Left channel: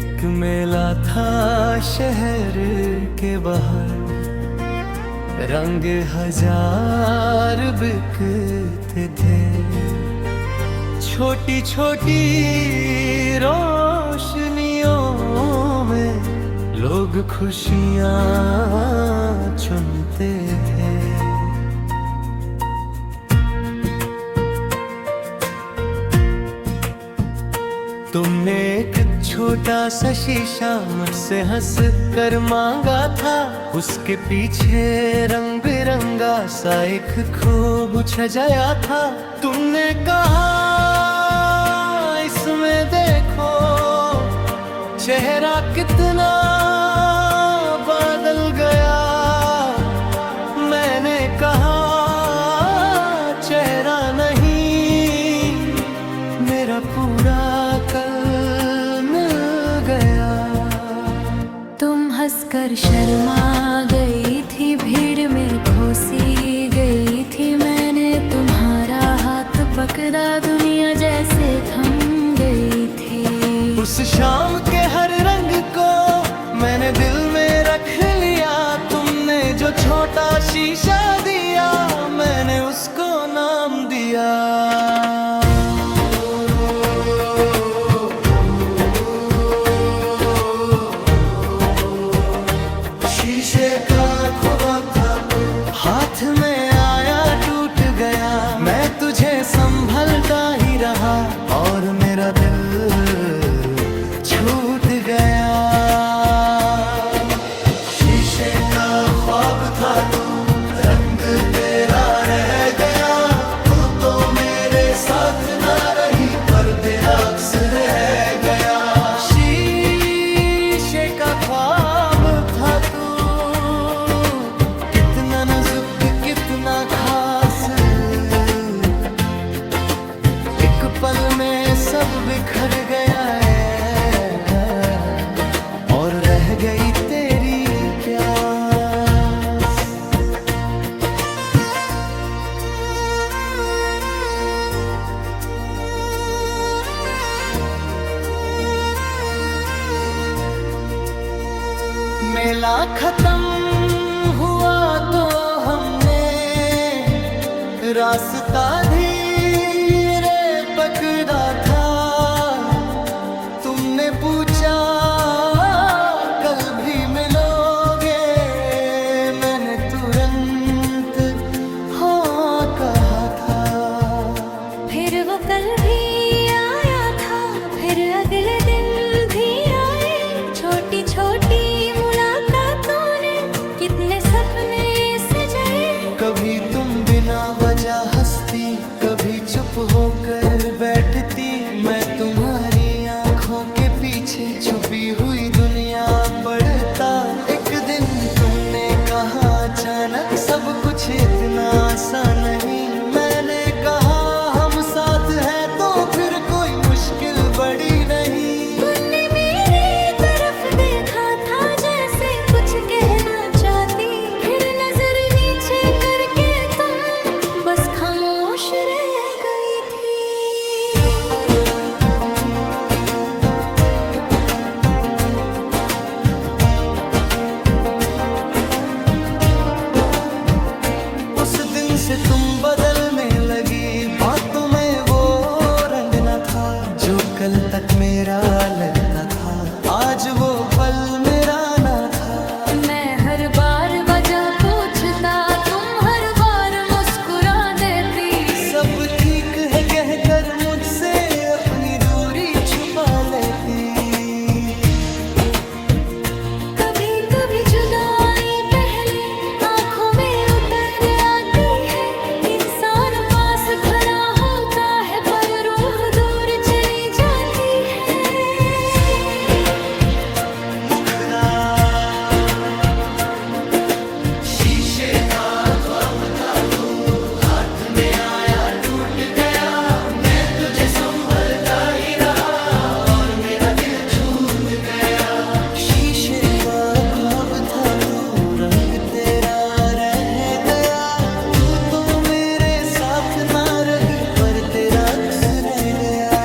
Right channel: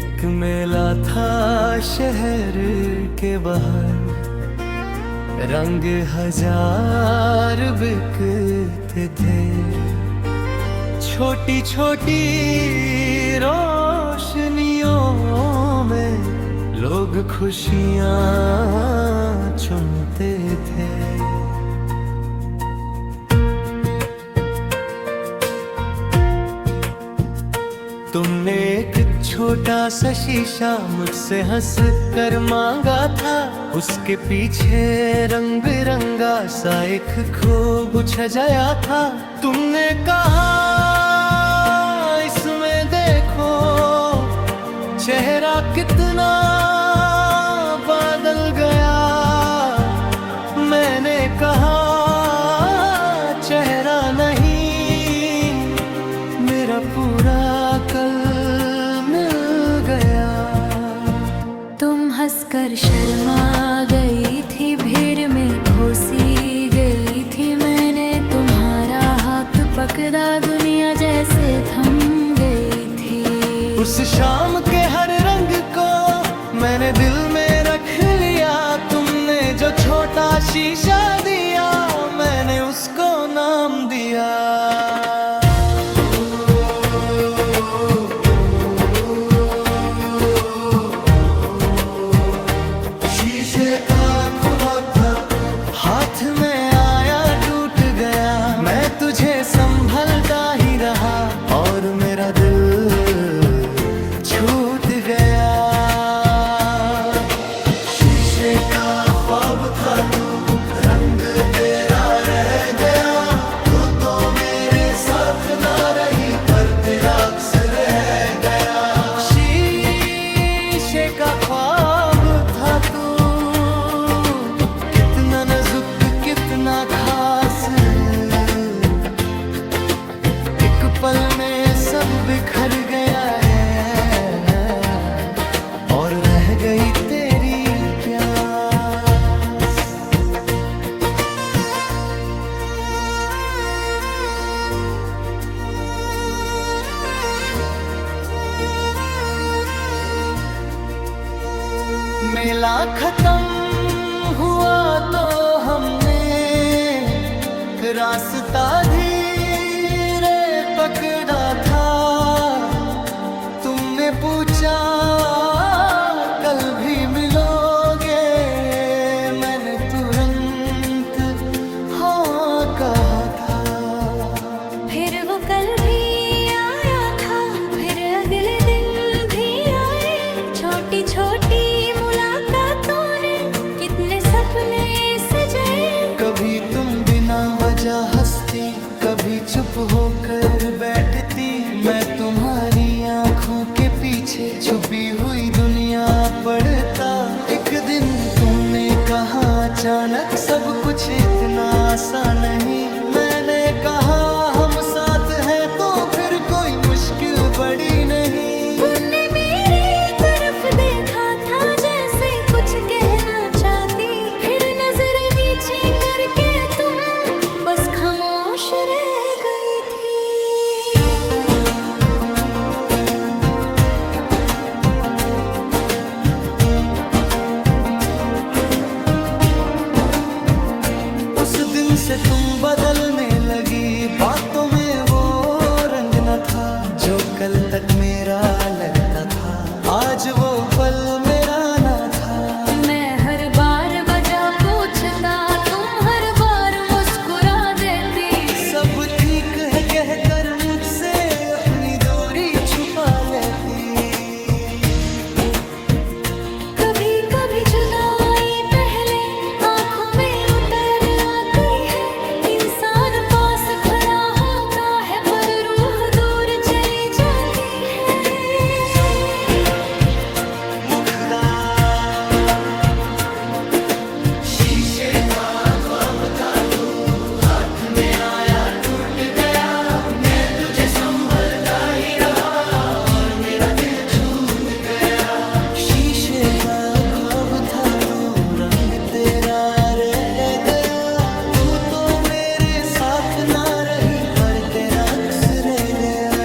एक मेला था शहर के बाहर, रंग हजार बिकते थे। छोटी छोटी रोशनियों में लोग खुशियाँ चुनते थे। तुमने एक छोटा सा शीशा मुझसे हंस कर मांगा था, उसके पीछे रंग बिरंगा सा एक खूब सजाया था। तुमने कहा इसमें देखो चेहरा कितना बदल गया। मैंने कहा चेहरा नहीं, मेरा पूरा कल मिल गया। तुम हंसकर शर्मा गई थी, भीड़ में घुसी गई थी। मैंने तुम्हारा हाथ पकड़ा, दुनिया जैसे थम गई थी। उस शाम के हर रंग को मैंने दिल में रख लिया। तुमने जो छोटा शीशा दिया, मैंने उसको नाम दिया। हाथ में आया टूट गया, मैं तुझे संभलता ही रहा और मेरा दिल छूट गया। शीशे का ख्वाब था तू, रंग तेरा रह गया। तू तो मेरे साथ ना रही पर तेरा अक्स रह गया। शीशे का ख्वाब था तू, कितना नाजुक कितना खास, एक पल में सब बिखर गया है और रह गई तेरी प्यास। मेला खत्म हुआ तो हमने रास्ता धीरे पकड़ा था। तुमने पूछा कल भी मिलोगे, मैंने तुरंत हाँ कहा था। फिर वो कल भी आया था, फिर अगले दिन भी आए। छोटी छोटी मुलाकातों ने कितने सपने सजाए। कभी तुम बिना वजह हंसती, कभी चुप होकर बैठती। मैं तुम्हारी आंखों के पीछे छुपी हुई दुनिया पढ़ता। एक दिन तुमने कहा अचानक सब कुछ इतना आसान नहीं। मैंने कहा हम साथ हैं तो फिर कोई मुश्किल बड़ी नहीं। तुमने मेरी तरफ देखा था जैसे कुछ कहना चाहती, फिर नजर नीचे करके तुम बस खामोश रह गई थी। उस दिन से तुम बदलने लगी, बातों में वो रंग न था जो कल तक मेरा लगता था। आज वो पल मेरा ना था। मैं हर बार वजह पूछता, तुम हर बार मुस्कुरा देती। सब ठीक है कहकर मुझसे अपनी दूरी छुपा लेती। कभी कभी जुदाई पहले आंखों में उतर आती है। इंसान पास खड़ा होता है पर रूह दूर चली जाती है। मुखदा शीशे का ख्वाब था तू, हाथ में आया टूट गया। मैं तुझे संभलता ही रहा और मेरा दिल छूट गया। शीशे का ख्वाब था तू, रंग तेरा रह गया। तू तो मेरे साथ ना रही पर तेरा अक्स रह गया।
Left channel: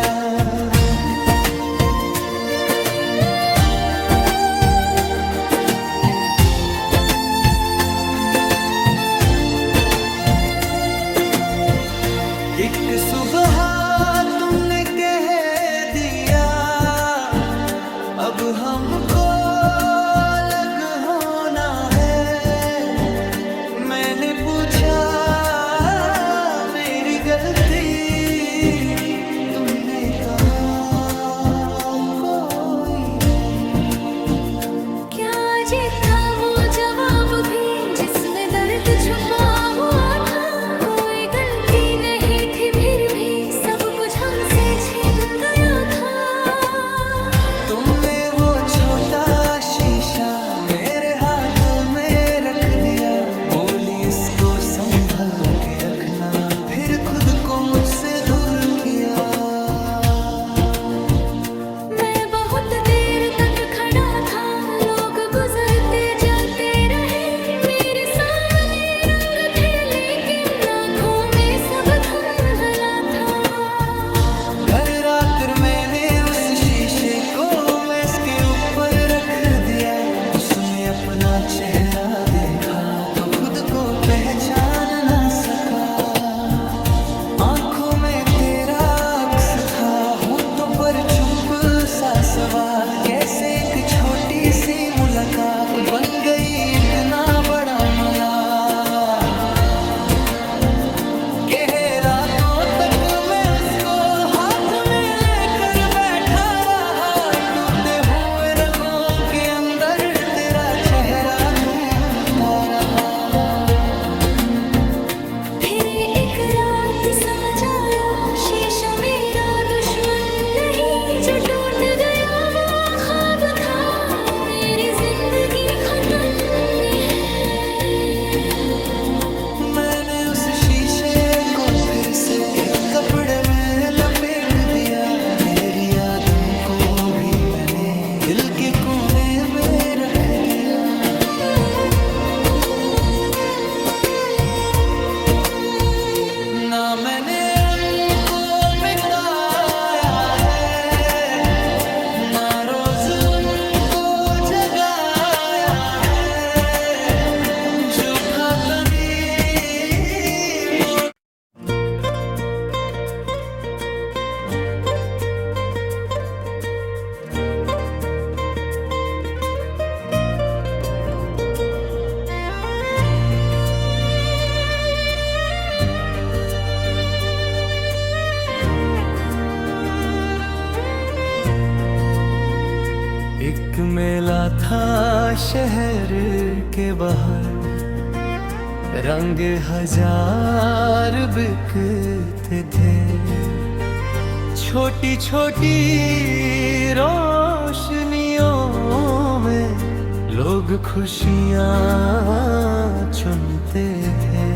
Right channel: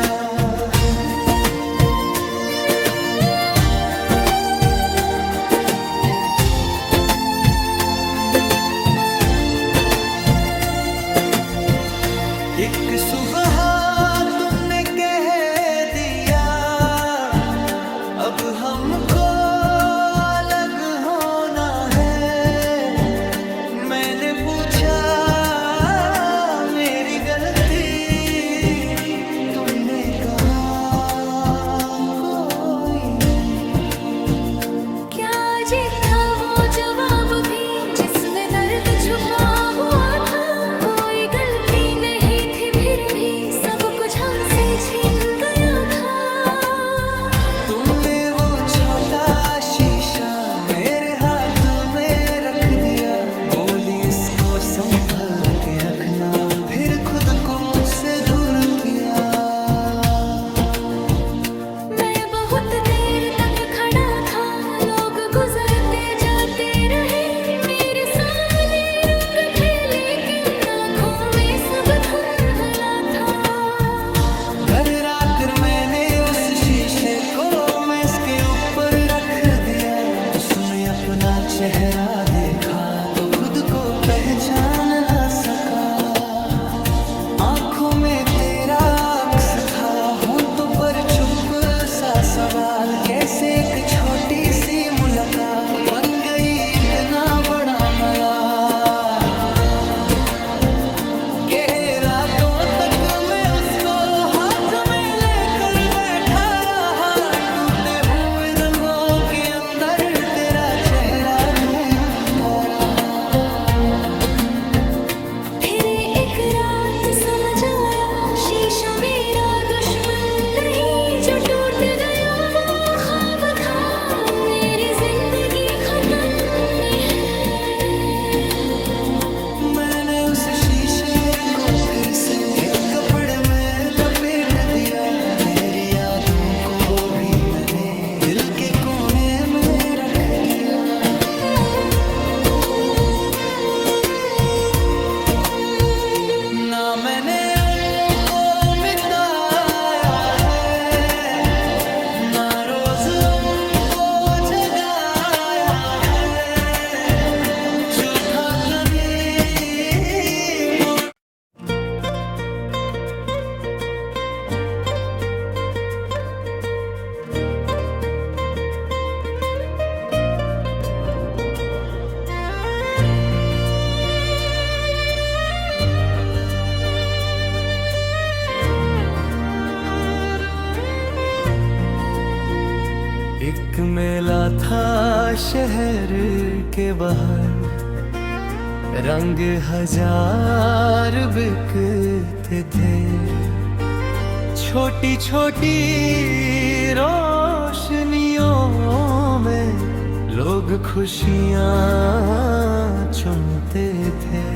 एक सुबह तुमने कह दिया अब हमको अलग होना है। मैंने पूछा मेरी गलती, तुमने कहा कोई नहीं। क्या अजीब था वो जवाब भी जिसमें दर्द छुपा हुआ था। कोई गलती नहीं थी फिर भी सब कुछ हमसे छीन गया था। तुमने वो छोटा शीशा मेरे हाथ में रख दिया, बोली इसको संभल के रखना, फिर खुद को मुझसे दूर किया। मैं बहुत देर तक खड़ा था, लोग गुजरते जाते रहे, मेरे सामने रंग थे लेकिन आँखों में सब धुंधला था। घर आकर मैंने उस शीशे को मेज के ऊपर रख दिया, उसमें अपना चेहरा देखा तो खुद को पहचान ना सका। आंखों में तेरा अक्स था, होंठों पर चुप सा सवाल, कैसे एक छोटी सी मुलाकात बन गई इतना बड़ा मलाल। के रातों तक मैं उसको हाथ में लेकर बैठा रहा, टूटे हुए रंगों के अंदर तेरा चेहरा ढूंढता रहा। फिर एक रात समझ आया शीशा मेरा दुश्मन नहीं, जो टूट गया वो ख्वाब था मेरी जिंदगी खत्म है। मैंने उस शीशे को फिर से एक कपड़े में लपेट दिया, तेरी यादों को भी मैंने दिल के कोने में रख दिया। ना मैंने उनको मिटाया है, ना रोज उनको जगाया है, जो था तनी वो। एक मेला था शहर के बाहर, रंग हजार बिकते थे, छोटी छोटी रोशनियों में लोग खुशियाँ चुनते थे।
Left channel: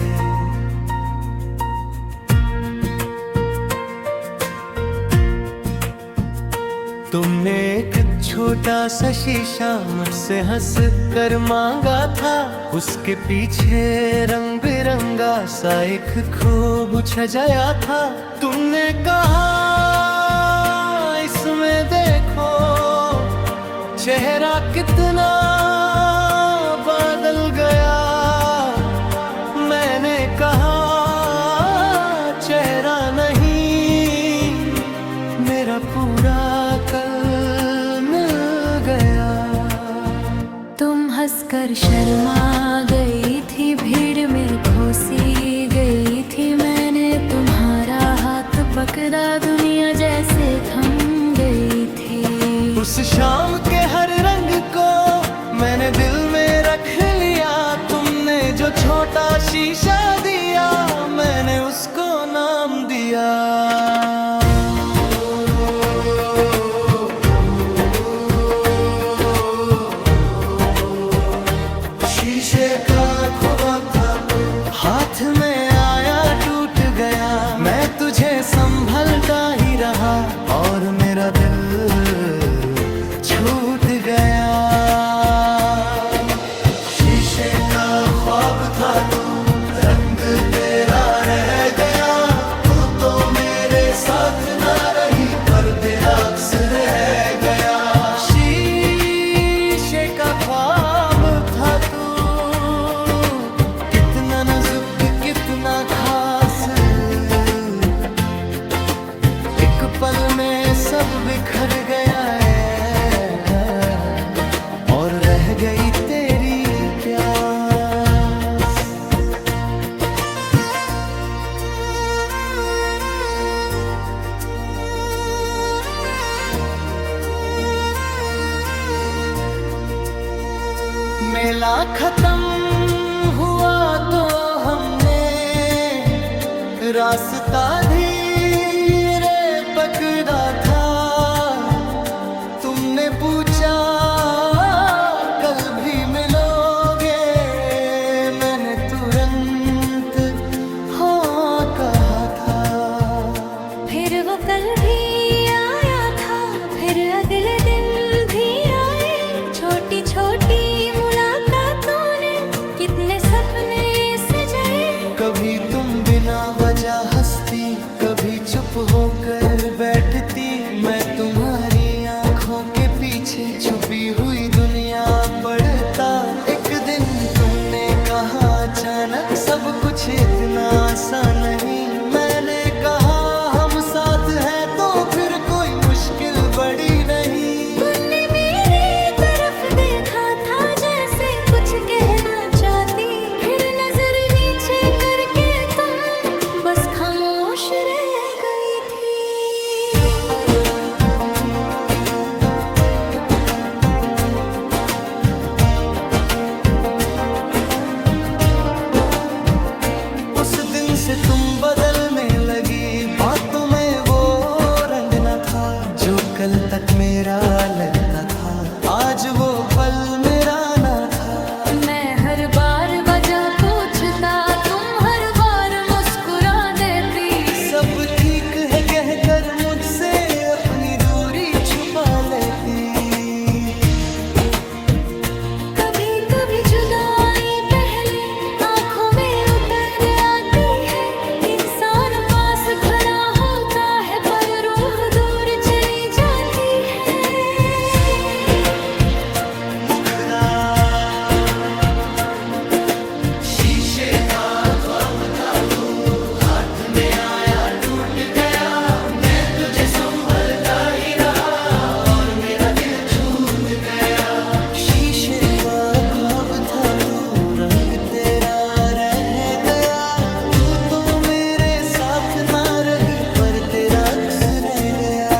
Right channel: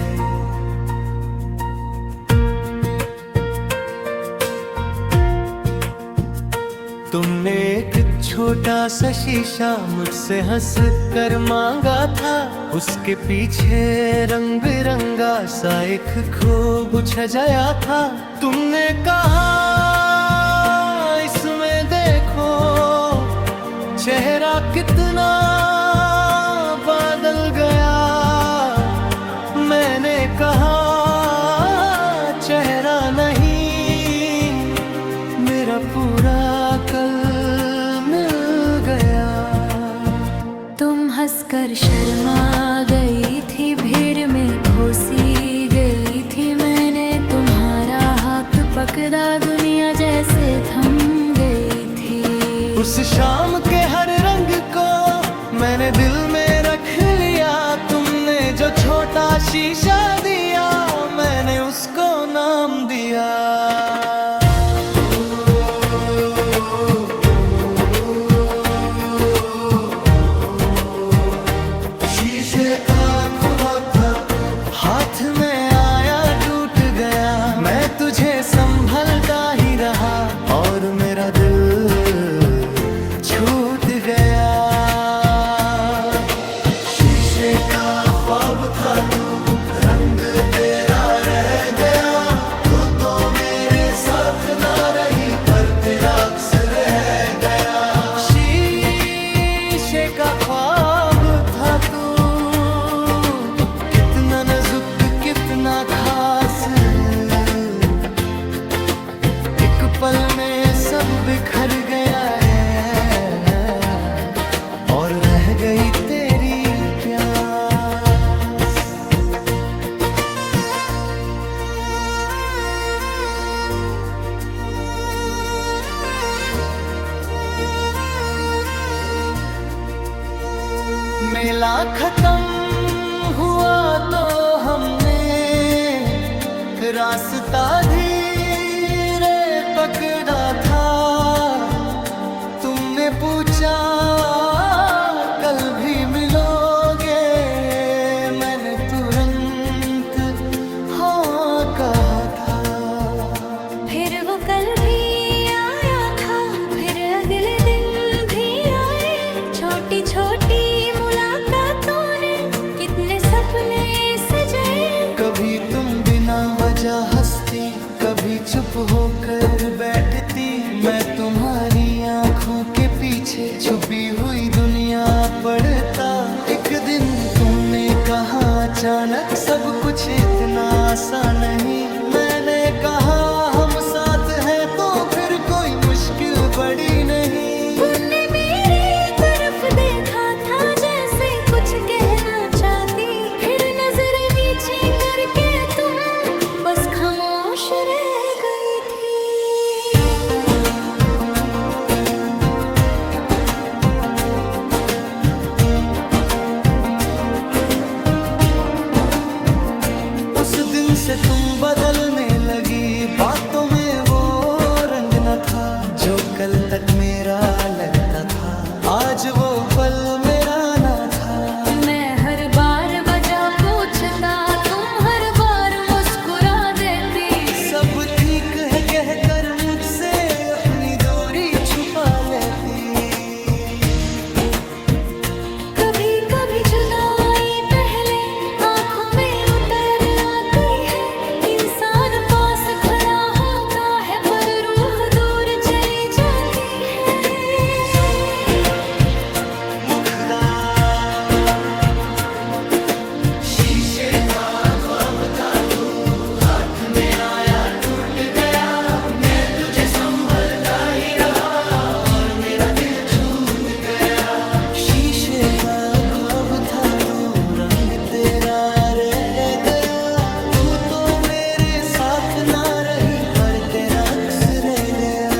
तुमने एक छोटा सा शीशा मुझसे हंस कर मांगा था, उसके पीछे रंग बिरंगा सा एक खूब सजाया था। तुमने कहा इसमें देखो चेहरा कितना बदल गया। मैंने कहा चेहरा नहीं, मेरा पूरा कल मिल गया। तुम हंसकर शर्मा गई थी, भीड़ में घुसी गई थी, मैंने तुम्हारा हाथ पकड़ा, दुनिया जैसे थम गई थी। उस शाम के हर रंग को मैंने दिल में रख लिया, तुमने जो छोटा शीशा दिया मैंने उसको नाम दिया। शीशे का ख्वाब था, हाथ में आया टूट गया, मैं तुझे संभलता ही रहा और मेरा दिल छूट गया। शीशे का ख्वाब था तू, रंग तेरा रह गया, तू तो मेरे साथ ना रही पर तेरा अक्स रह गया। शीशे का ख्वाब था तू, कितना नाजुक कितना खास, एक पल में सब बिखर गया है और रह गई तेरी प्यास। मेला खत्म हुआ तो हमने रास्ता धीरे पकड़ा था। तुमने पूछा कल भी मिलोगे, मैंने तुरंत हाँ कहा था। फिर वो कल भी आया था, फिर अगले दिन भी आए। छोटी छोटी मुलाकातों ने कितने सपने सजाए। कभी तुम बिना वजह हंसती, कभी चुप होकर बैठती। मैं तुम्हारी आंखों के पीछे छुपी हुई दुनिया पढ़ता। एक दिन तुमने कहा अचानक सब कुछ इतना आसान नहीं। मैंने कहा हम साथ हैं तो फिर कोई मुश्किल बड़ी नहीं। तुमने मेरी तरफ देखा था जैसे कुछ कहना चाहती, फिर नजर नीचे करके तुम बस खामोश रह गई थी। उस दिन से तुम बदलने लगी, बातों में वो रंग न था जो कल तक मेरा लगता था। आज वो पल मेरा ना था। मैं हर बार वजह पूछता, तुम हर बार मुस्कुरा देती। सब ठीक है कहकर मुझसे अपनी दूरी छुपा लेती। कभी कभी जुदाई पहले आंखों में उतर आती है। इंसान पास खड़ा होता है पर रूह दूर चली जाती है। मुखदा शीशे का ख्वाब था तू, हाथ में आया टूट गया। मैं तुझे संभलता ही रहा और मेरा दिल छूट गया। शीशे का ख्वाब था तू, रंग तेरा रह गया। तू तो मेरे साथ ना रही पर तेरा अक्स रह गया।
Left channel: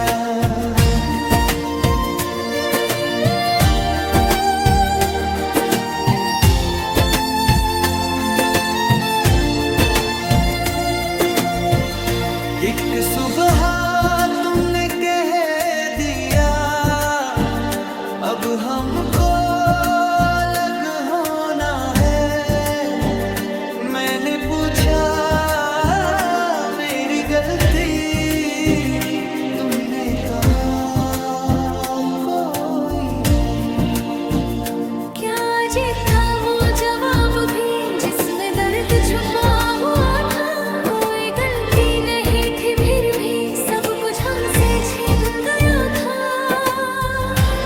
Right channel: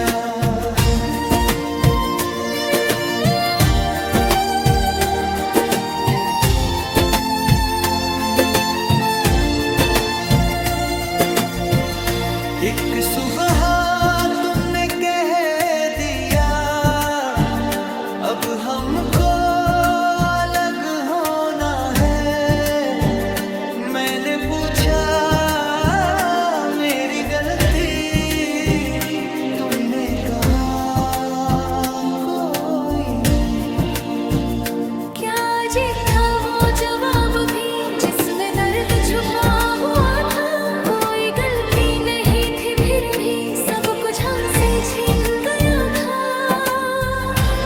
एक सुबह तुमने कह दिया अब हमको अलग होना है। मैंने पूछा मेरी गलती, तुमने कहा कोई नहीं। क्या अजीब था वो जवाब भी जिसमें दर्द छुपा हुआ था। कोई गलती नहीं थी फिर भी सब कुछ हमसे छीन गया था।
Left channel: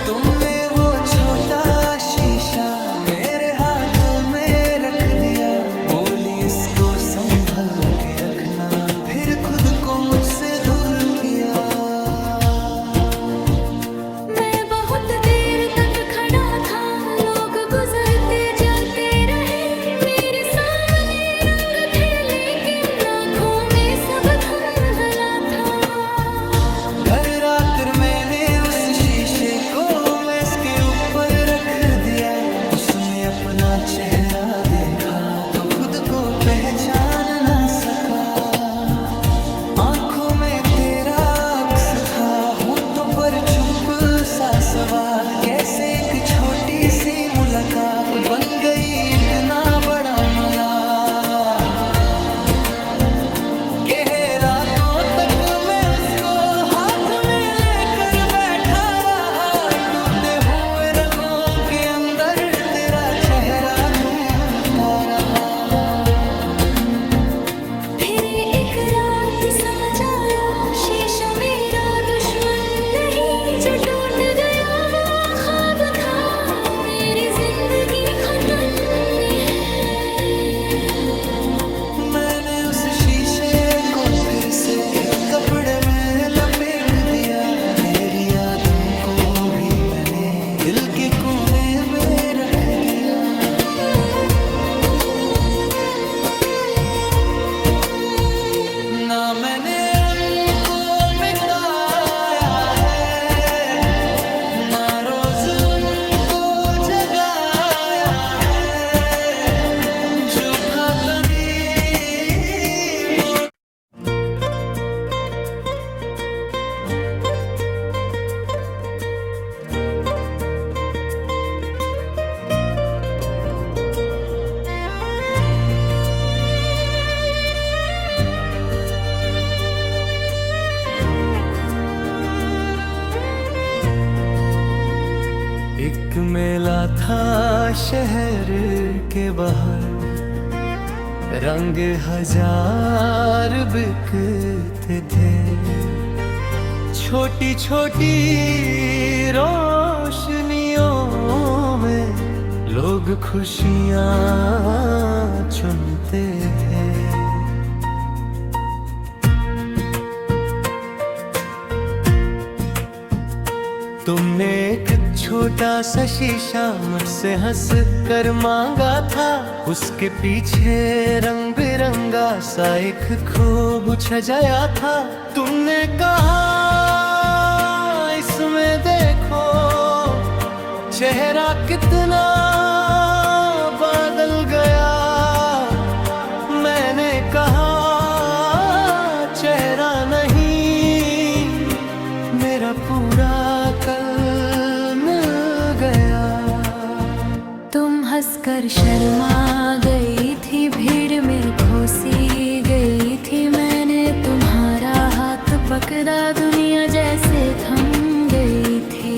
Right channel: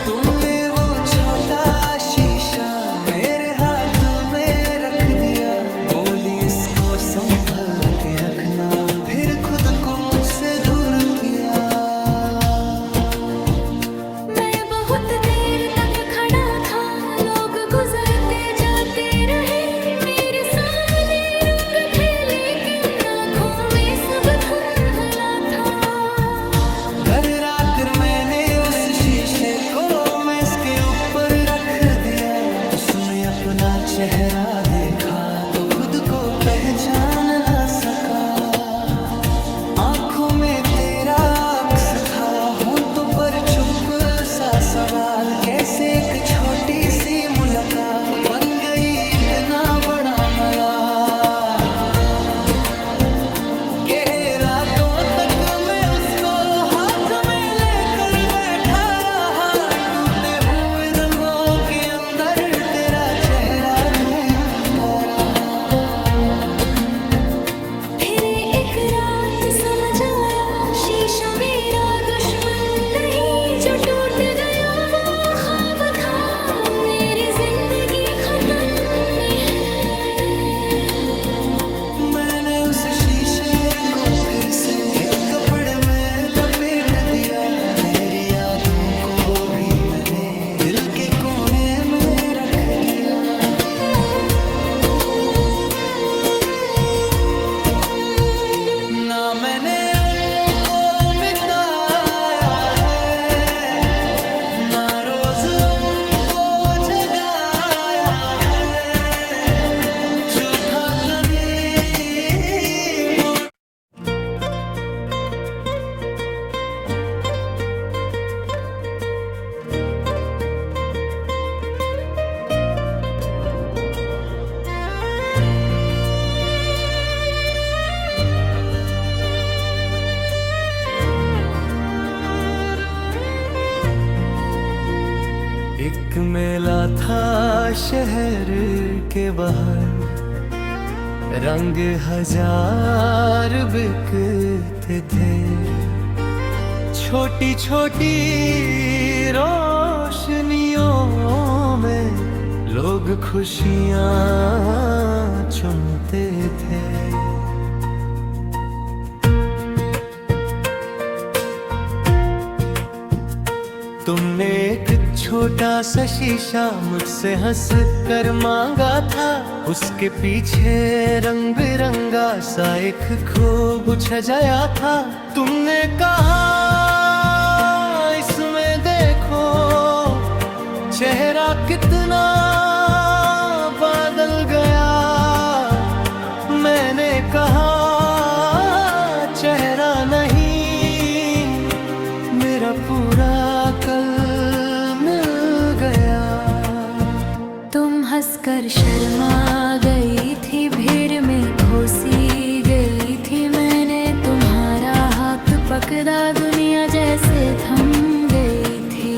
तुमने वो छोटा शीशा मेरे हाथ में रख दिया। बोली इसको संभल के रखना, फिर खुद को मुझसे दूर किया। मैं बहुत देर तक खड़ा था, लोग गुजरते जाते रहे। मेरे सामने रंग थे लेकिन आँखों में सब धुंधला था। घर आकर मैंने उस शीशे को मेज के ऊपर रख दिया। उसमें अपना चेहरा देखा तो खुद को पहचान ना सका। आंखों में तेरा अक्स था, होंठों पर चुप सा सवाल। कैसे एक छोटी सी मुलाकात बन गई इतना बड़ा मलाल। के रातों तक मैं उसको हाथ में लेकर बैठा रहा। टूटे हुए रंगों के अंदर तेरा चेहरा ढूंढता रहा। फिर एक रात समझ आया शीशा मेरा दुश्मन नहीं। जो टूट गया वो ख्वाब था, मेरी जिंदगी खत्म है। मैंने उस उस शीशे को फिर से एक कपड़े में लपेट दिया। तेरी यादों को भी मैंने दिल के कोने में रख दिया। ना मैंने उनको मिटाया है, ना रोज उनको जगाया है, जो था तनी वो। एक मेला था शहर के बाहर, रंग हजार बिकते थे। छोटी छोटी रोशनियों में लोग खुशियाँ चुनते थे। तुमने एक छोटा सा शीशा मुझसे हंस कर मांगा था, उसके पीछे रंग बिरंगा सा एक खूब सजाया था। तुमने कहा इसमें देखो चेहरा कितना बदल गया। मैंने कहा चेहरा नहीं, मेरा पूरा कल मिल गया। तुम हंसकर शर्मा गई थी, भीड़ में घुसी गई थी। मैंने तुम्हारा हाथ पकड़ा, दुनिया जैसे थम गई थी।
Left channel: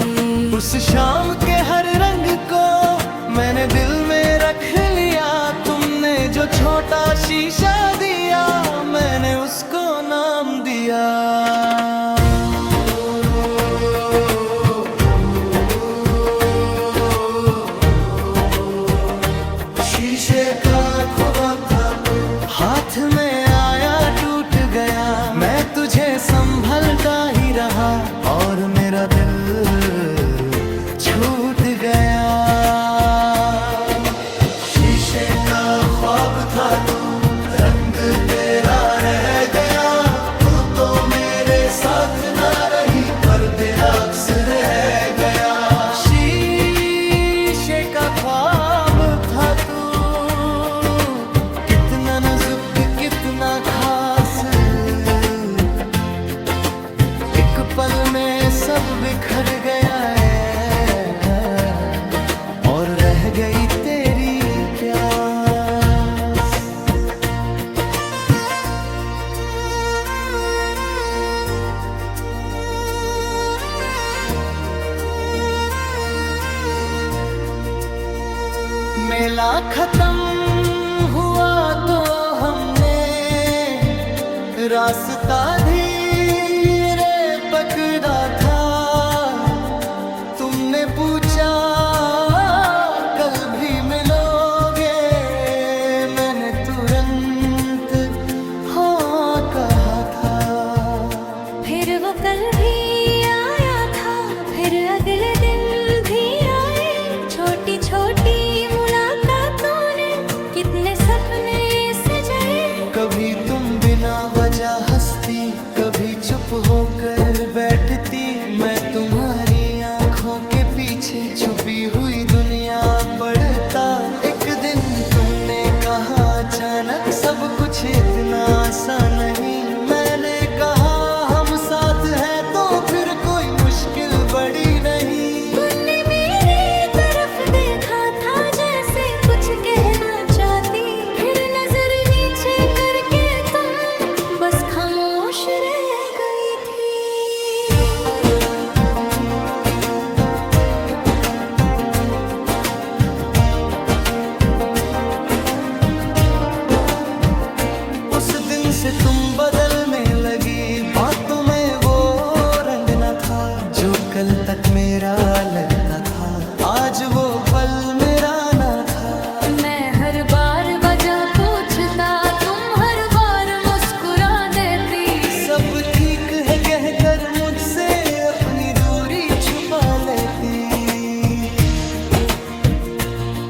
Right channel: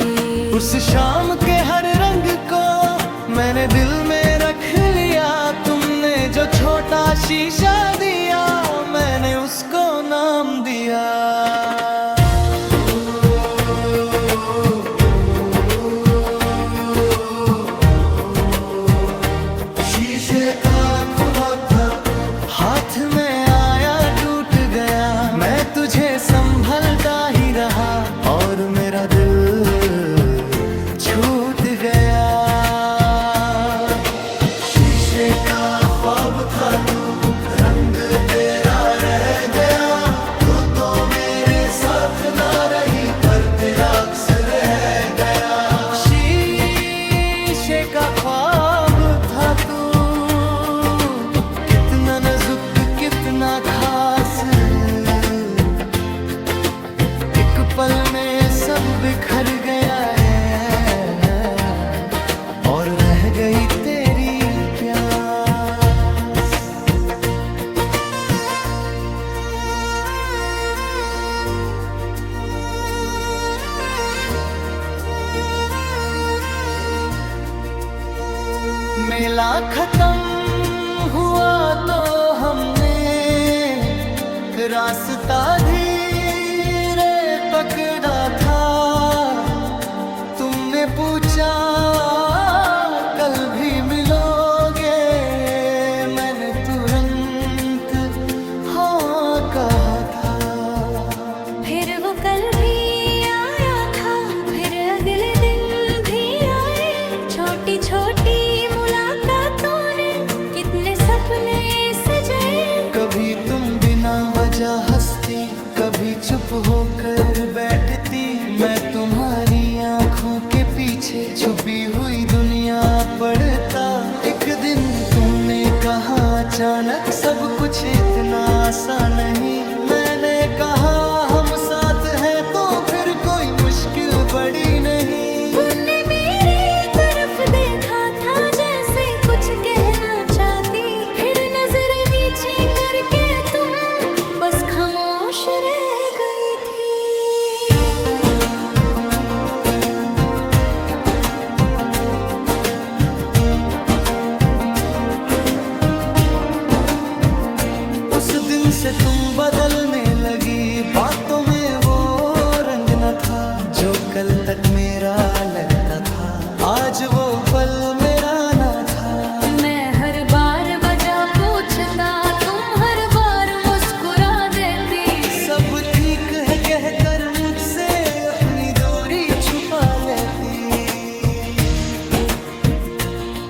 उस शाम के हर रंग को मैंने दिल में रख लिया। तुमने जो छोटा शीशा दिया, मैंने उसको नाम दिया। हाथ में आया टूट गया, मैं तुझे संभलता ही रहा और मेरा दिल छूट गया। शीशे का ख्वाब था तू, रंग तेरा रह गया। तू तो मेरे साथ ना रही पर तेरा अक्स रह गया। शीशे का ख्वाब था तू, कितना नाजुक कितना खास, एक पल में सब बिखर गया है और रह गई तेरी प्यास। मेला खत्म हुआ तो हमने रास्ता धीरे पकड़ा था। तुमने पूछा कल भी मिलोगे, मैंने तुरंत हाँ कहा था। फिर वो कल भी आया था, फिर अगले दिन भी आए। छोटी छोटी मुलाकातों ने कितने सपने सजाए। कभी तुम बिना वजह हंसती, कभी चुप होकर बैठती। मैं तुम्हारी आंखों के पीछे छुपी हुई दुनिया पढ़ता। एक दिन तुमने कहा अचानक सब कुछ इतना आसान नहीं। मैंने कहा हम साथ हैं तो फिर कोई मुश्किल बड़ी नहीं। तुमने मेरी तरफ देखा था जैसे कुछ कहना चाहती, फिर नजर नीचे करके तुम बस खामोश रह गई थी। उस दिन से तुम बदलने लगी, बातों में वो रंग न था जो कल तक मेरा लगता था। आज वो पल मेरा ना था। मैं हर बार वजह पूछता, तुम हर बार सब ठीक है कहकर मुझसे अपनी दूरी छुपा लेती।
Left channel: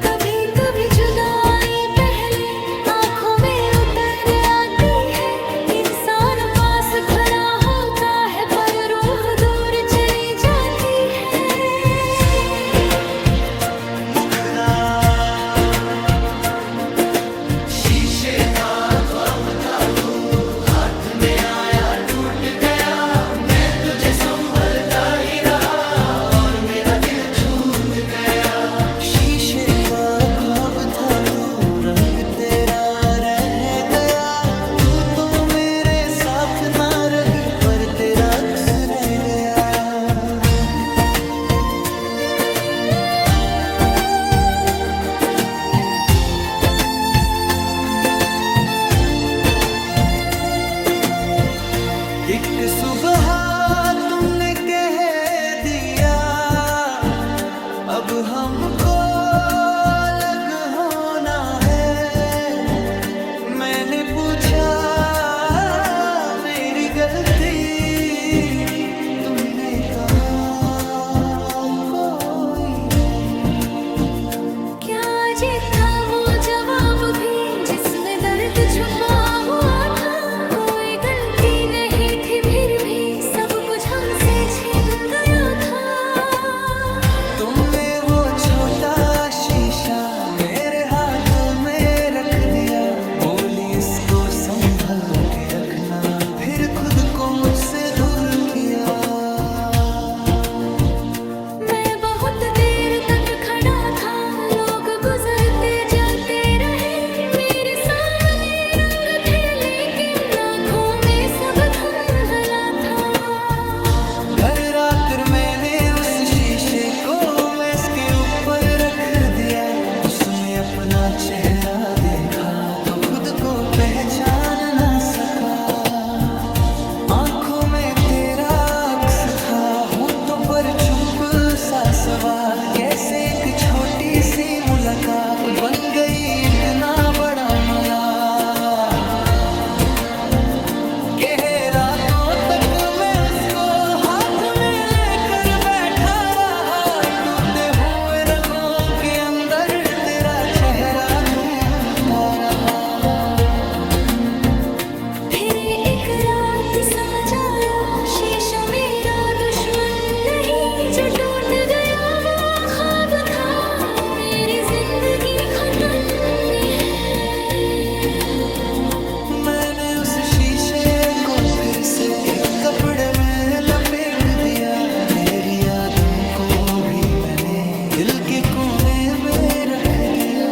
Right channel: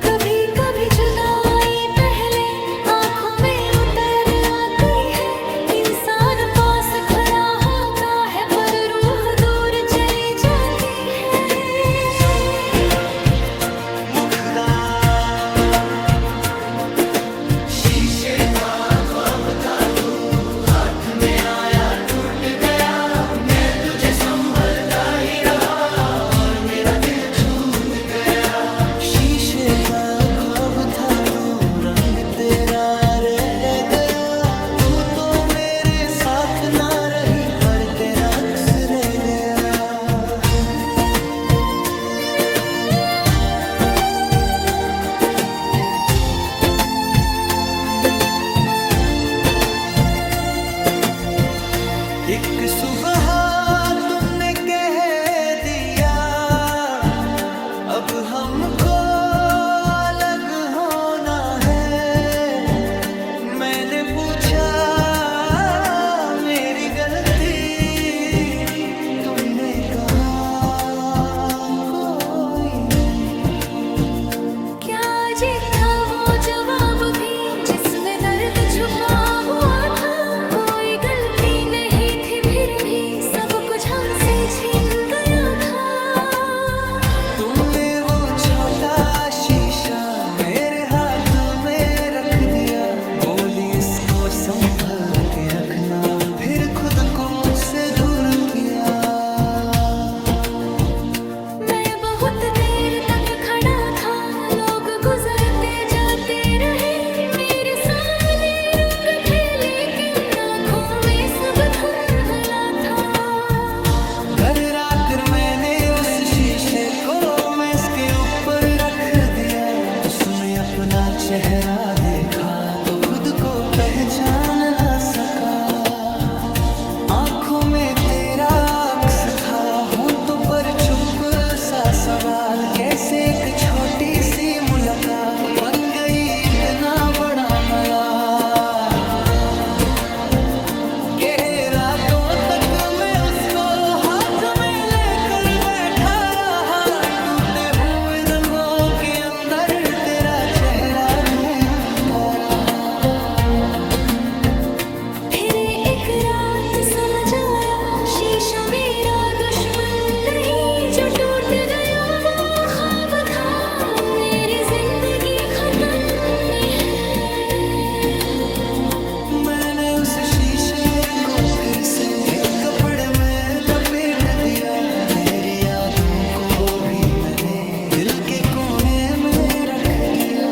कभी कभी जुदाई पहले आंखों में उतर आती है। इंसान पास खड़ा होता है पर रूह दूर चली जाती है। मुखदा शीशे का ख्वाब था तू, हाथ में आया टूट गया। मैं तुझे संभलता ही रहा और मेरा दिल छूट गया। शीशे का ख्वाब था तू, रंग तेरा रह गया। तू तो मेरे साथ ना रही पर तेरा अक्स रह गया। एक सुबह तुमने कह दिया अब हमको अलग होना है। मैंने पूछा मेरी गलती, तुमने कहा कोई नहीं। क्या अजीब था वो जवाब भी जिसमें दर्द छुपा हुआ था। कोई गलती नहीं थी फिर भी सब कुछ हमसे छीन गया था। तुमने वो छोटा शीशा मेरे हाथ में रख दिया। बोली इसको संभल के रखना, फिर खुद को मुझसे दूर किया। मैं बहुत देर तक खड़ा था, लोग गुजरते जाते रहे। मेरे सामने रंग थे लेकिन आँखों में सब धुंधला था। घर आकर मैंने उस शीशे को मेज के ऊपर रख दिया। उसमें अपना चेहरा देखा तो खुद को पहचान ना सका। आंखों में तेरा अक्स था, होंठों पर चुप सा सवाल। कैसे एक छोटी सी मुलाकात बन गई इतना बड़ा मलाल। के रातों तक मैं उसको हाथ में लेकर बैठा रहा। टूटे हुए रंगों के अंदर तेरा चेहरा ढूंढता रहा। फिर एक रात समझ आया शीशा मेरा दुश्मन नहीं। जो टूट गया वो ख्वाब था, मेरी जिंदगी खत्म है। मैंने उस शीशे को फिर से एक कपड़े में लपेट दिया। तेरी यादों को भी मैंने दिल के कोने में रख दिया।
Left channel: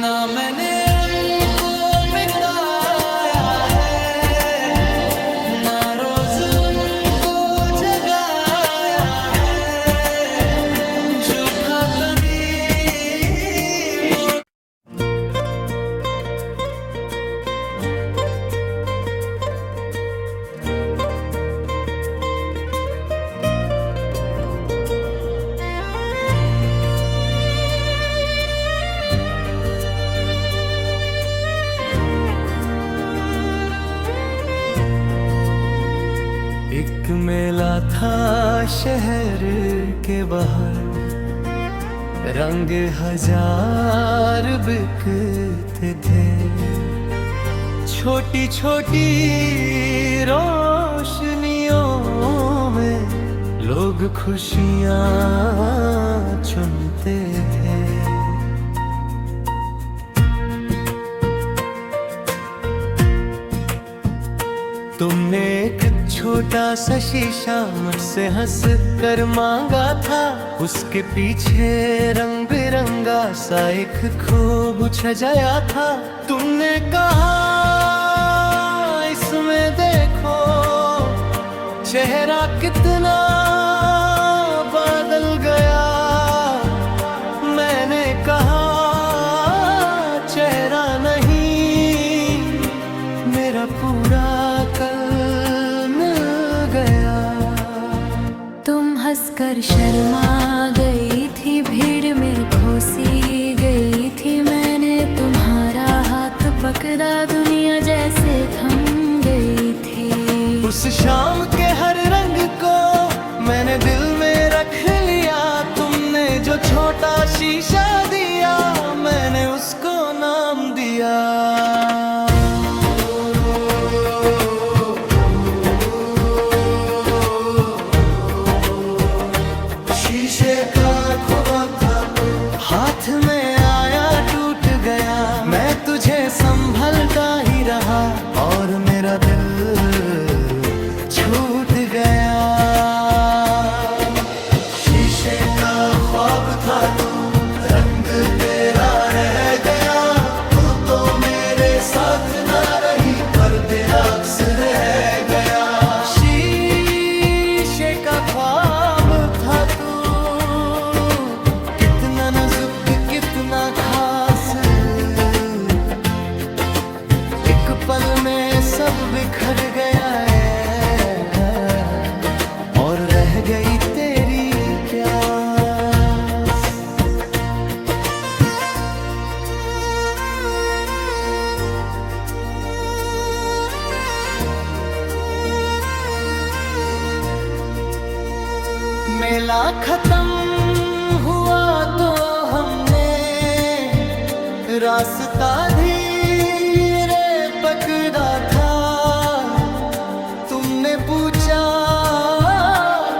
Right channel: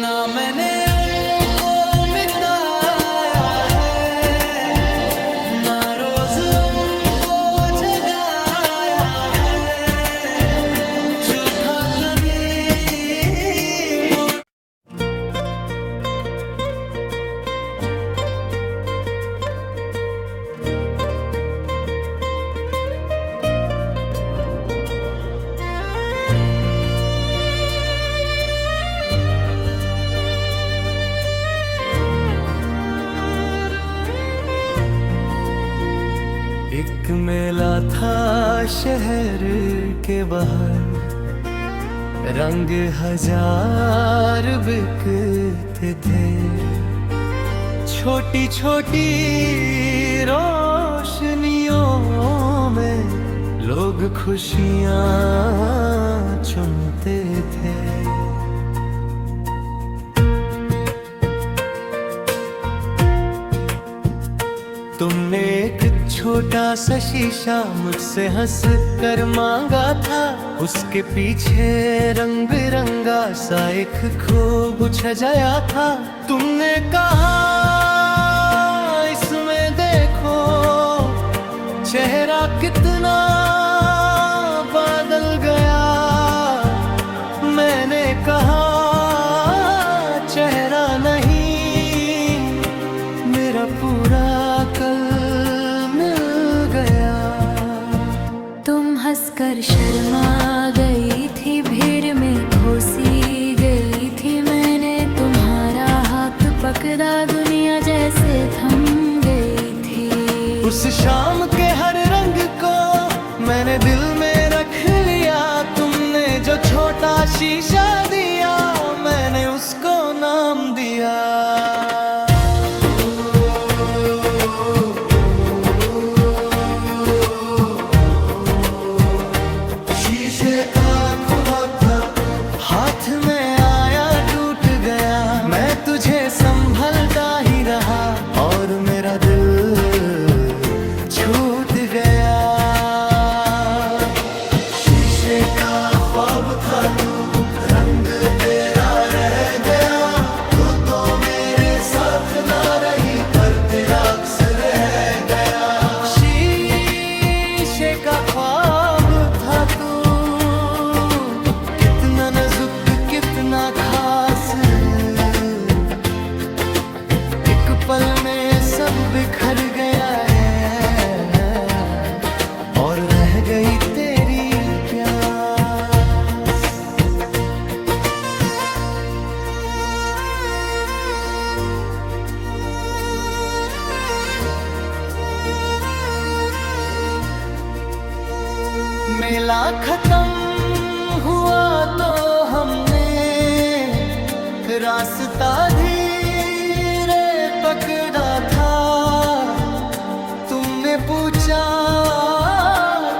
ना मैंने उनको मिटाया है, ना रोज उनको जगाया है। जो था तनी वो एक मेला था शहर के बाहर, रंग हजार बिकते थे। छोटी छोटी रोशनियों में लोग खुशियाँ चुनते थे। तुमने एक छोटा सा शीशा मुझसे हंस कर मांगा था। उसके पीछे रंग बिरंगा सा एक खूब सजाया था। तुमने कहा इसमें देखो चेहरा कितना बदल गया। मैंने कहा चेहरा नहीं, मेरा पूरा कल मिल गया। तुम हंसकर शर्मा गई थी, भीड़ में घुसी गई थी। मैंने तुम्हारा धड़कदा दुनिया जैसे थम गई थी। उस शाम के हर रंग को मैंने दिल में रख लिया। तुमने जो छोटा शीशा दिया मैंने उसको नाम दिया। शीशे का ख्वाब था हाथ में आया टूट गया। मैं तुझे संभलता ही रहा और मेरा दिल छूट गया। शीशे का ख्वाब था तू, रंग तेरा रह गया। तू तो मेरे साथ ना रही पर तेरा अक्स रह गया। शीशे का ख्वाब था तू, कितना नाजुक कितना खास। एक पल में सब बिखर गया है और रह गई तेरी प्यास। मेला खत्म हुआ तो हमने रास्ता धीरे पकड़ा था। तुमने पूछा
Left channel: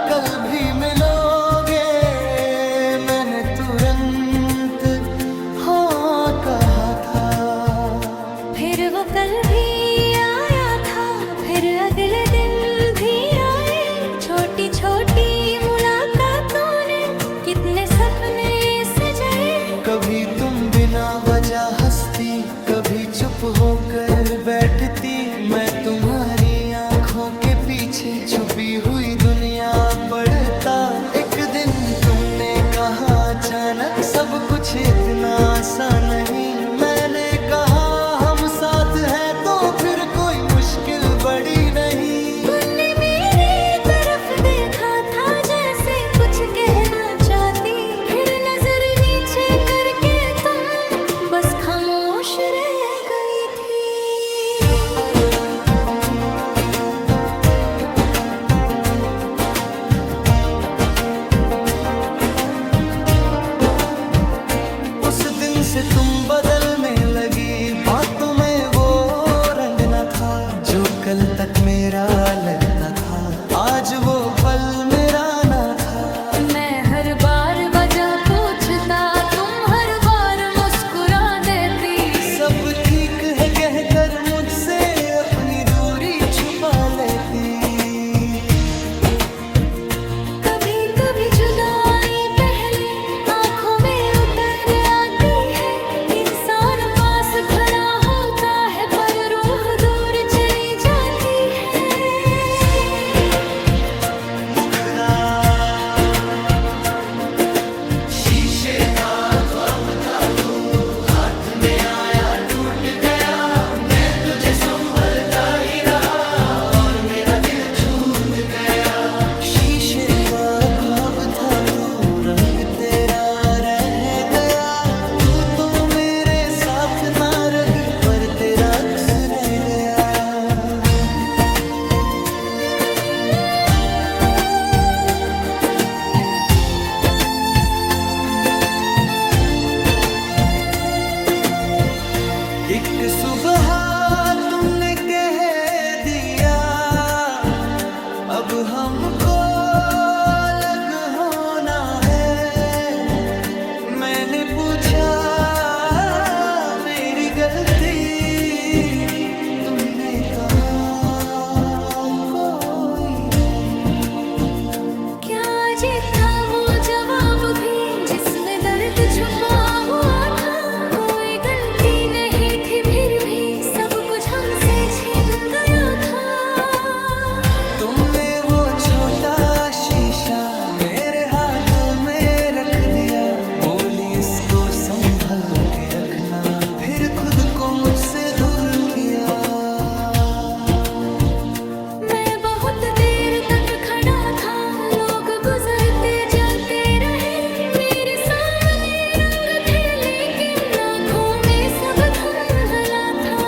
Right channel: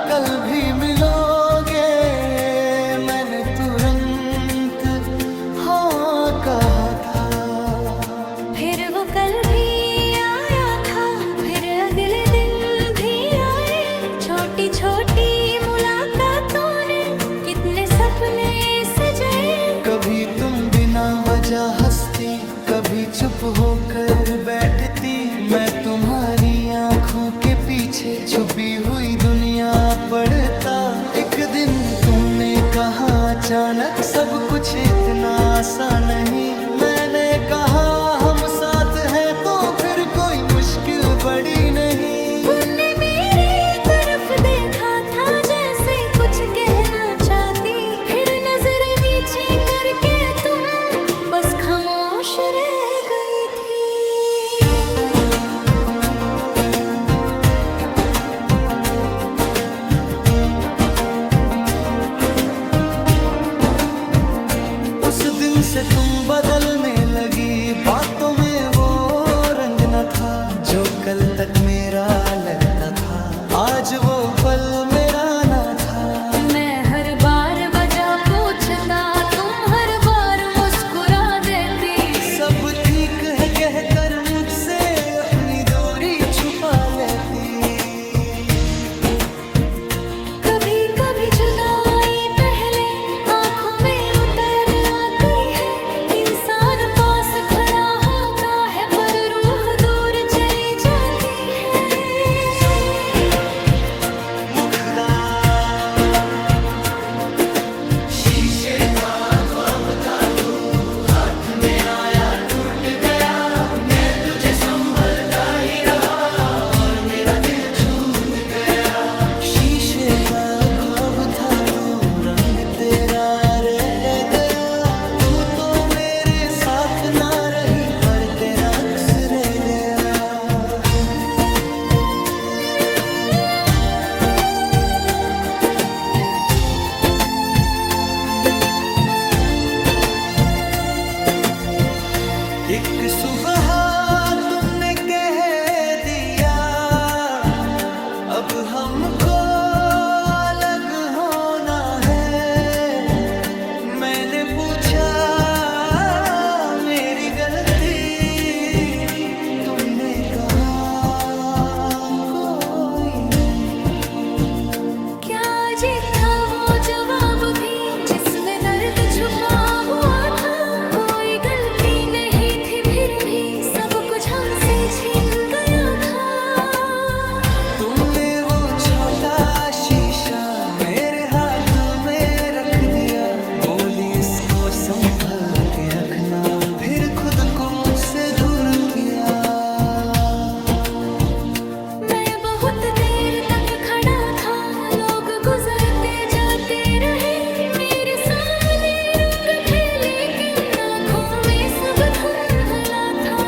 कल भी मिलोगे, मैंने तुरंत हाँ कहा था। फिर वो कल भी आया था, फिर अगले दिन भी आए। छोटी छोटी मुलाकातों ने कितने सपने सजाए। कभी तुम बिना वजह हंसती, कभी चुप होकर बैठती। मैं तुम्हारी आंखों के पीछे छुपी हुई दुनिया पढ़ता। एक दिन तुमने कहा अचानक सब कुछ इतना आसान नहीं। मैंने कहा हम साथ हैं तो फिर कोई मुश्किल बड़ी नहीं। तुमने मेरी तरफ देखा था जैसे कुछ कहना चाहती, फिर नजर नीचे करके तुम बस खामोश रह गई थी। उस दिन से तुम बदलने लगी, बातों में वो रंग न था जो कल तक मेरा लगता था। आज वो पल मेरा ना था। मैं हर बार वजह पूछता, तुम हर बार मुस्कुरा देती। सब ठीक है कहकर मुझसे अपनी दूरी छुपा लेती। कभी कभी जुदाई पहले आंखों में उतर आती है। इंसान पास खड़ा होता है पर रूह दूर चली जाती है। मुखदार शीशे का ख्वाब था तू, हाथ में आया टूट गया। मैं तुझे संभलता ही रहा और मेरा दिल छूट गया। शीशे का ख्वाब था तू, रंग तेरा रह गया। तू तो मेरे साथ ना रही पर तेरा अक्स रह गया। एक सुबह तुमने कह दिया अब हमको अलग होना है। मैंने पूछा मेरी गलती, तुमने कहा कोई नहीं। क्या अजीब था वो जवाब भी जिसमें दर्द छुपा हुआ था। कोई गलती नहीं थी फिर भी सब कुछ हमसे छिन गया था। तुमने वो छोटा शीशा मेरे हाथ में रख दिया। बोली इसको संभल के रखना, फिर खुद को मुझसे दूर किया। मैं बहुत देर तक खड़ा था, लोग गुजरते जाते रहे। मेरे सामने रंग थे लेकिन आँखों में सब धुंधला था।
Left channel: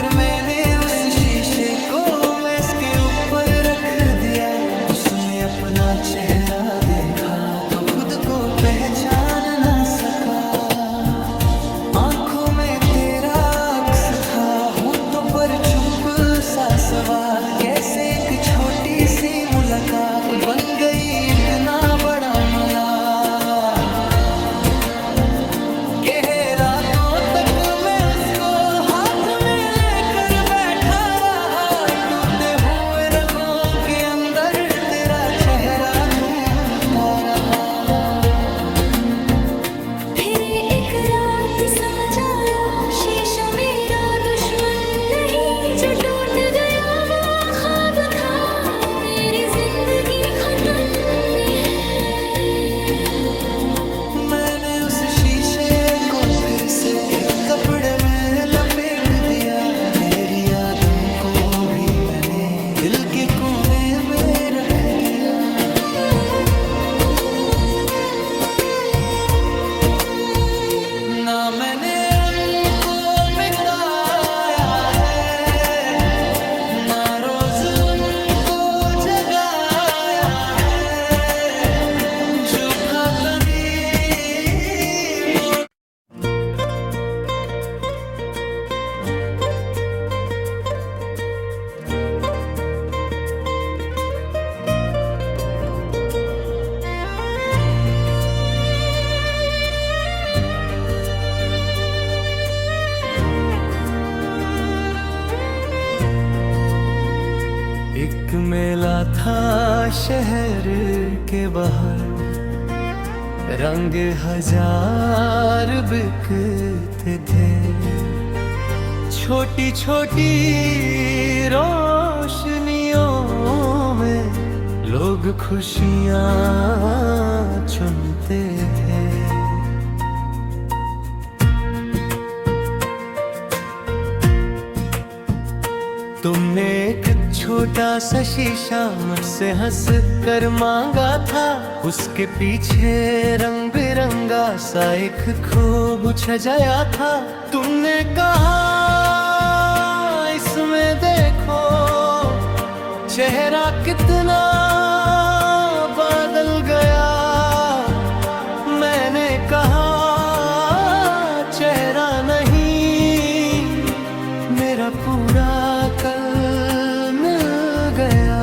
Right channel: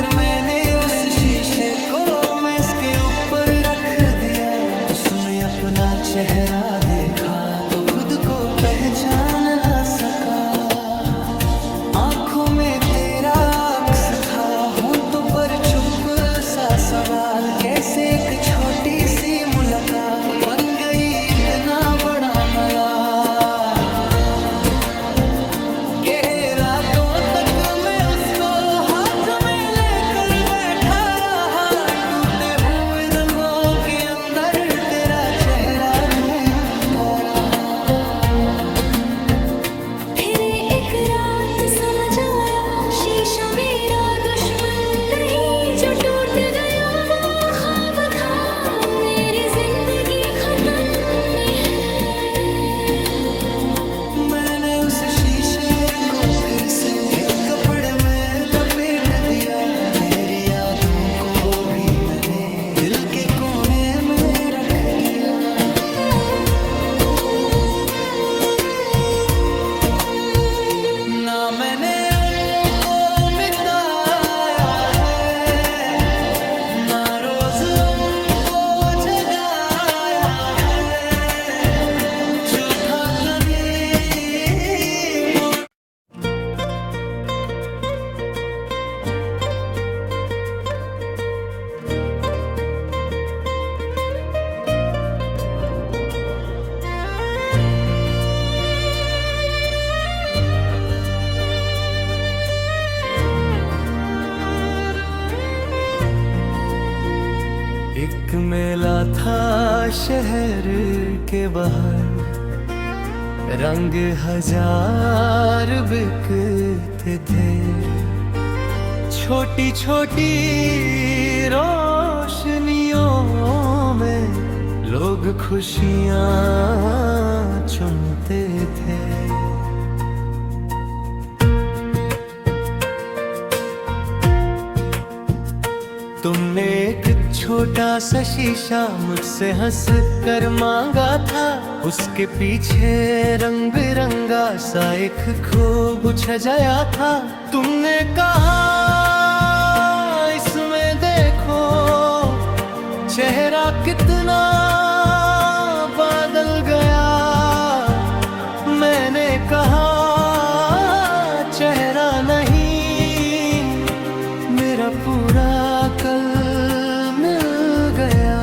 फिर मैंने उस शीशे को मेज के ऊपर रख दिया, उसमें अपना चेहरा देखा तो खुद को पहचान ना सका। आंखों में तेरा अक्स था, होंठों पर चुप सा सवाल, कैसे एक छोटी सी मुलाकात बन गई इतना बड़ा मलाल। के रातों तक मैं उसको हाथ में लेकर बैठा रहा, टूटे हुए रंगों के अंदर तेरा चेहरा ढूंढता रहा। फिर एक रात समझ आया, शीशा मेरा दुश्मन नहीं, जो टूट गया वो ख्वाब था, मेरी जिंदगी खत्म है। मैंने उस शीशे को फिर से एक कपड़े में लपेट दिया, तेरी यादों को भी मैंने दिल के कोने में रख दिया। ना मैंने उनको मिटाया है, ना रोज उनको जगाया है, जो था तनी वो। एक मेला था शहर के बाहर, रंग हजार बिकते थे, छोटी छोटी रोशनियों में लोग खुशियाँ चुनते थे। तुमने एक छोटा सा शीशा मुझसे हंस कर मांगा था, उसके पीछे रंग बिरंगा सा एक खूब सजाया था। तुमने कहा इसमें देखो चेहरा कितना बदल गया, मैंने कहा चेहरा नहीं, मेरा पूरा कल मिल गया।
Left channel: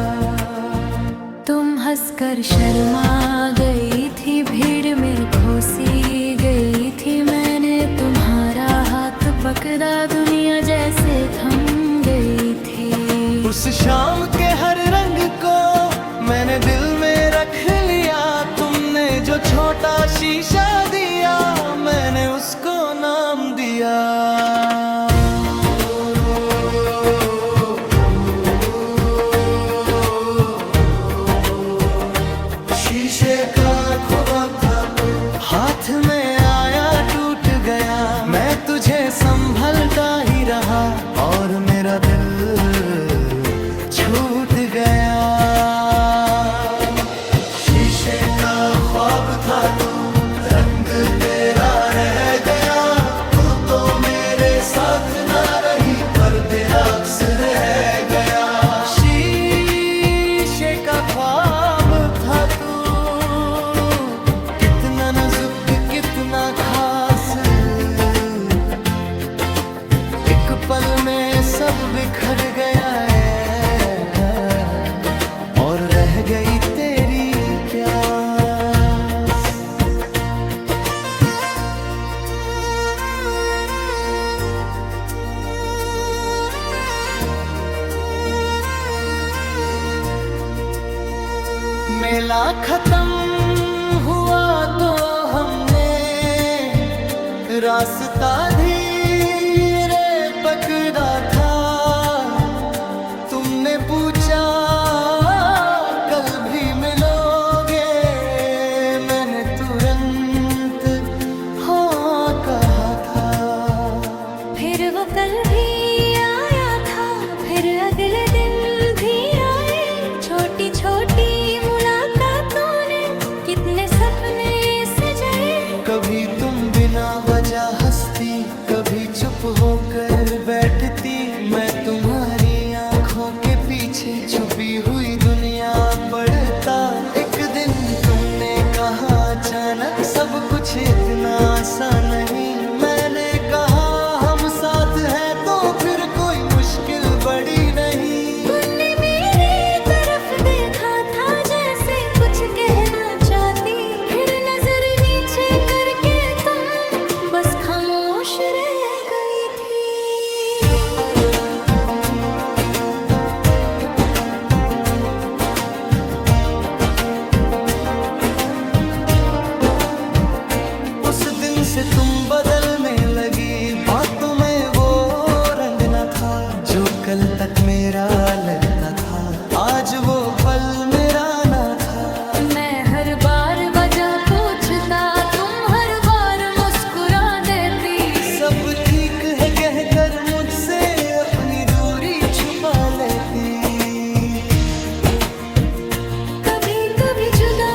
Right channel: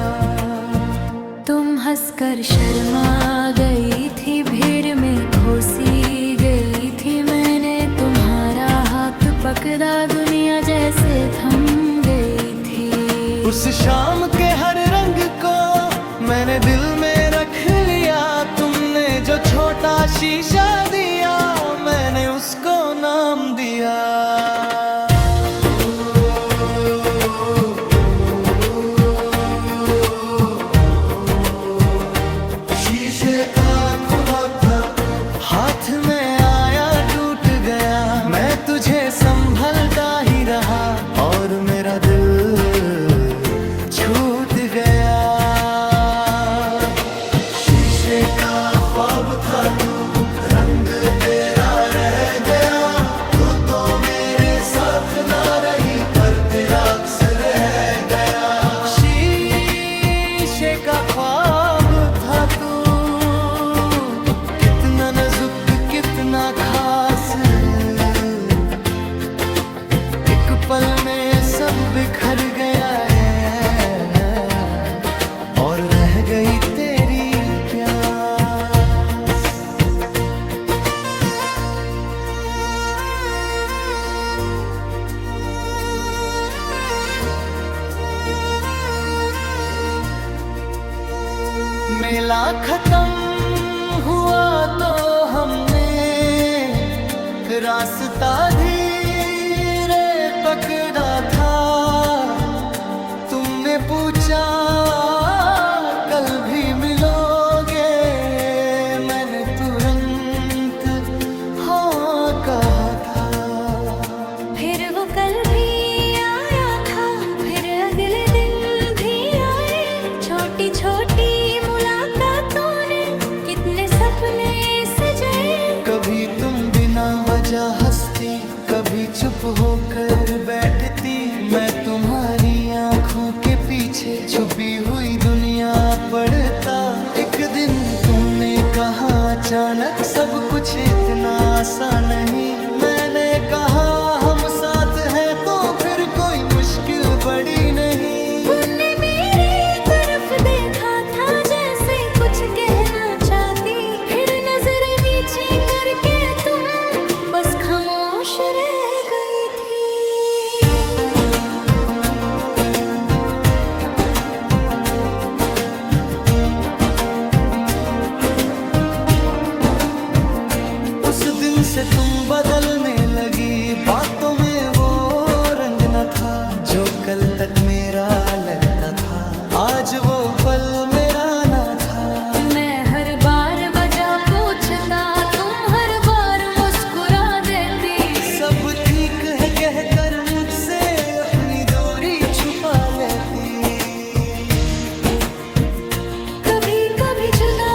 तुम हंसकर शर्मा गई थी, भीड़ में घुसी गई थी, मैंने तुम्हारा हाथ पकड़ा, दुनिया जैसे थम गई थी। उस शाम के हर रंग को मैंने दिल में रख लिया, तुमने जो छोटा शीशा दिया मैंने उसको नाम दिया। हाथ में आया टूट गया, मैं तुझे संभलता ही रहा और मेरा दिल छूट गया। शीशे का ख्वाब था तू, रंग तेरा रह गया, तू तो मेरे साथ ना रही पर तेरा अक्स रह गया। शीशे का ख्वाब था तू, कितना नाजुक कितना खास, एक पल में सब बिखर गया है और रह गई तेरी प्यास। मेला खत्म हुआ तो हमने रास्ता धीरे पकड़ा था, तुमने पूछा कल भी मिलोगे, मैंने तुरंत हाँ कहा था। फिर वो कल भी आया था, फिर अगले दिन भी आए, छोटी छोटी मुलाकातों ने कितने सपने सजाए। कभी तुम बिना वजह हंसती, कभी चुप होकर बैठती, मैं तुम्हारी आंखों के पीछे छुपी हुई दुनिया पढ़ता। एक दिन तुमने कहा अचानक सब कुछ इतना आसान नहीं, मैंने कहा हम साथ हैं तो फिर कोई मुश्किल बड़ी नहीं। तुमने मेरी तरफ देखा था जैसे कुछ कहना चाहती, फिर नजर नीचे करके तुम बस खामोश रह गई थी। उस दिन से तुम बदलने लगी, बातों में वो रंग न था जो कल तक मेरा लगता था, आज वो पल मेरा ना था। मैं हर बार वजह पूछता, तुम हर बार मुस्कुरा देती, सब ठीक है कहकर मुझसे अपनी दूरी छुपा लेती। कभी कभी जुदा